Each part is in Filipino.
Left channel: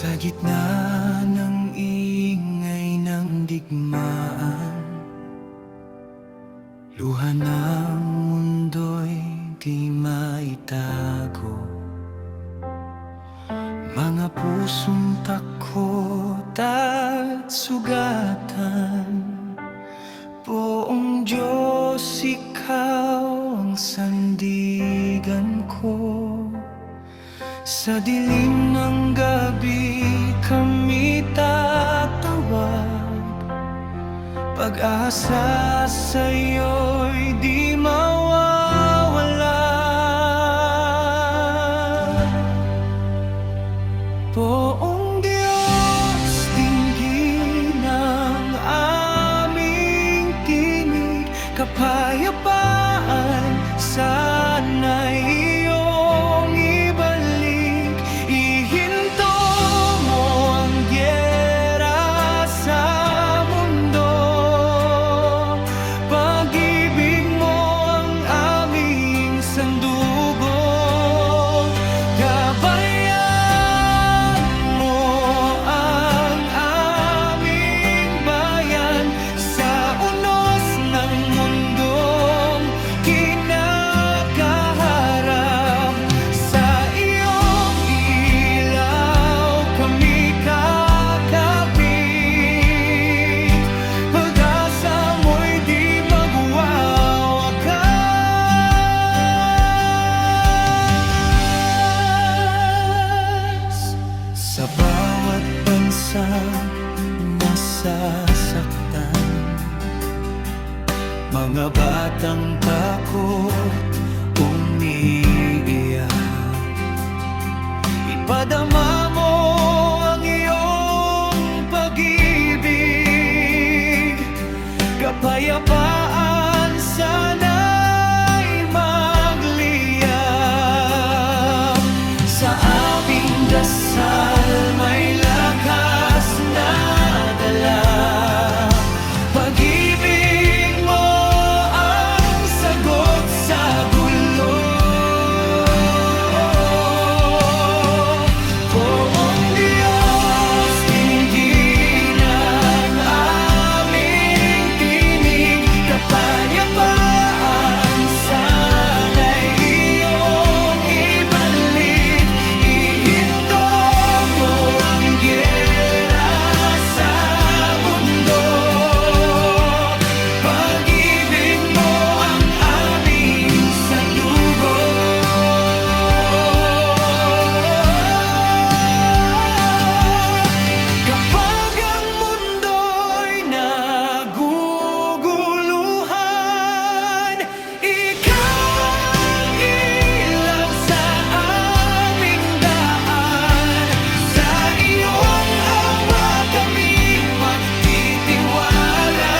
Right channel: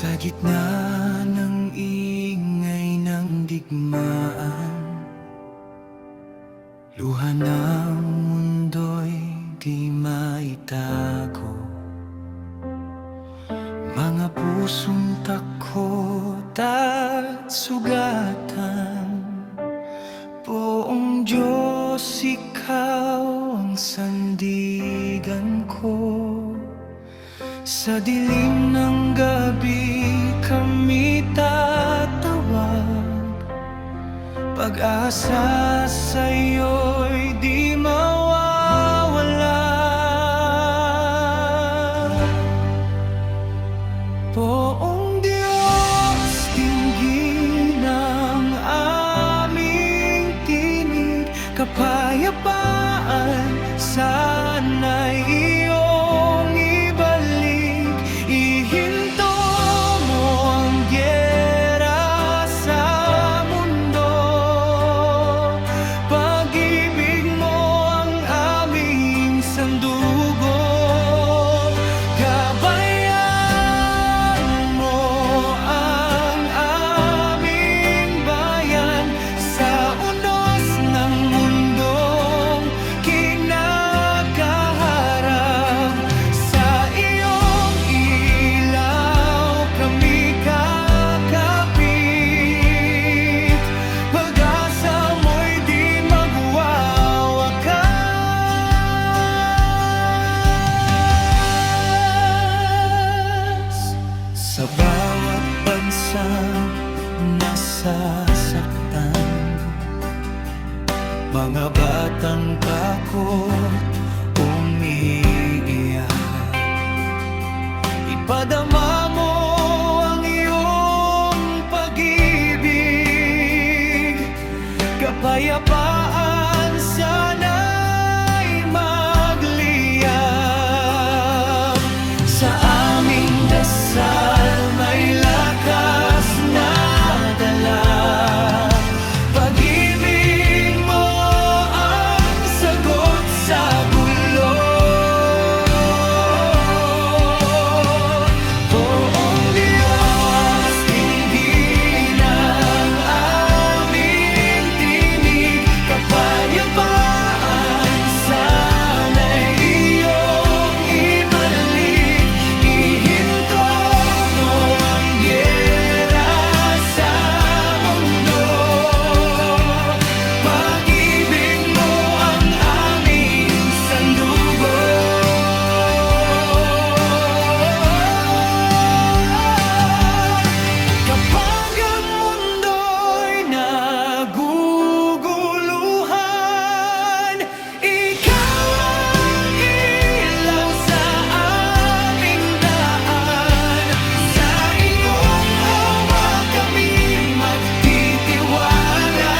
Sa gitna ng ingay ng digmaan, luha ng mundo'y di maitago. Mga pusong takot at sugatan, Poong Diyos, Ikaw ang sandigan ko. Sa dilim ng gabi kami tatawag, pag-asa sa'yo'y di mawawala. Poong Diyos, dinggin ang aming tinig, kapayapaan sana'y iyong ibalik. Ihinto mo ang giyera sa mundo, pag-ibig mo ang aming sandugo. Gabayan mo ang aming bayan sa unos ng mundong kinakaharap. Sa iyong ilaw kami kakapit, pag-asa mo'y di magwawakas. Sa bawat bansang nasasaktan, mga batang takot umiiyak, ipadama mo ang iyong pag-ibig. Kapayapaan sana'y magliyap. Sa aming dasal may lakas na dala, pag-ibig mo ang sagot sa gulo. Poong Diyos, dinggin ang aming tinig, kapayapaan sana'y iyong ibalik. Ihinto mo ang giyera sa mundo, pag-ibig mo ang aming sandugo. Kapag ang mundo'y naguguluhan, ikaw ang ilaw sa aming daan. Sa iyong awa kami magtitiwala.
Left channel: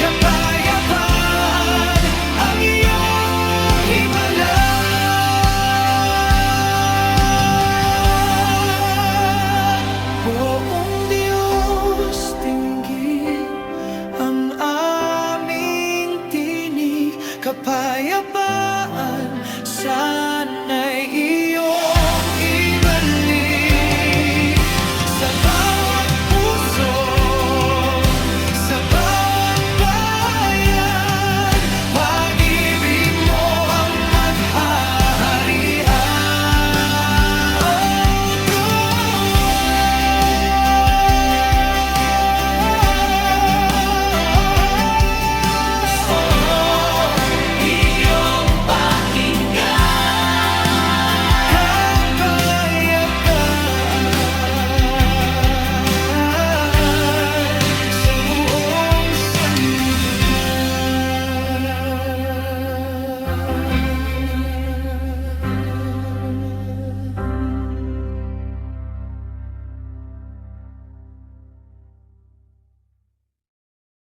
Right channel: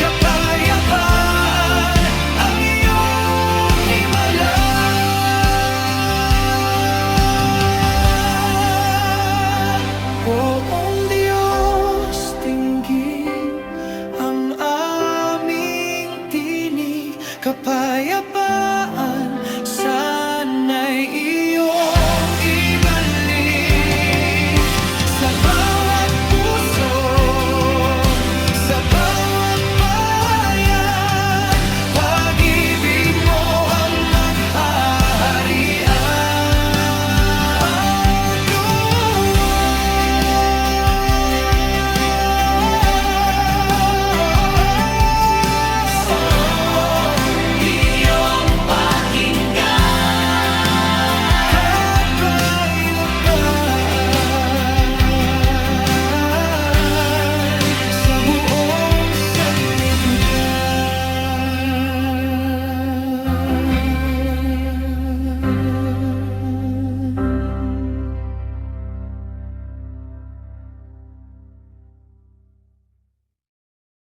Kapayapaan ang iyong himala. Poong Diyos, dinggin ang aming tinig, kapayapaan sana'y iyong ibalik. Sa